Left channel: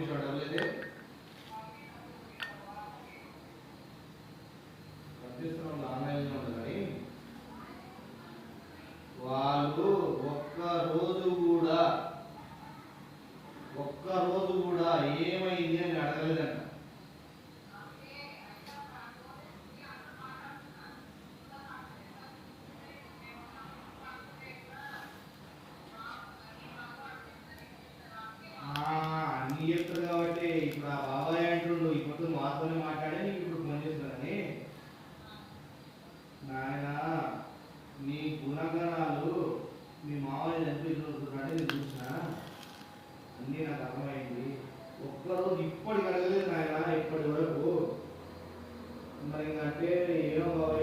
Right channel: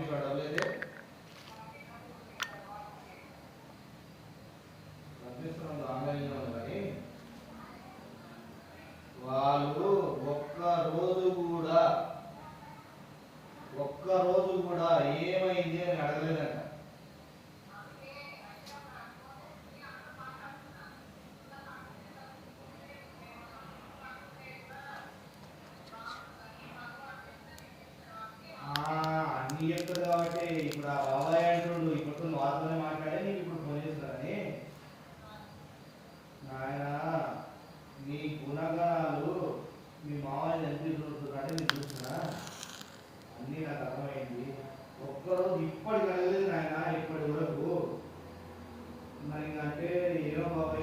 పంపించి డబ్బులైతే పంపిస్తున్నాం ఆన్లైన్లో ఉంది కానీ వాళ్ళు ఒక్క రోజు కూడా ఏమైంది అని అడగలేదంట. అన్ని చెప్తారు కాబట్టి ఇప్పుడు ఆ బాబాయ్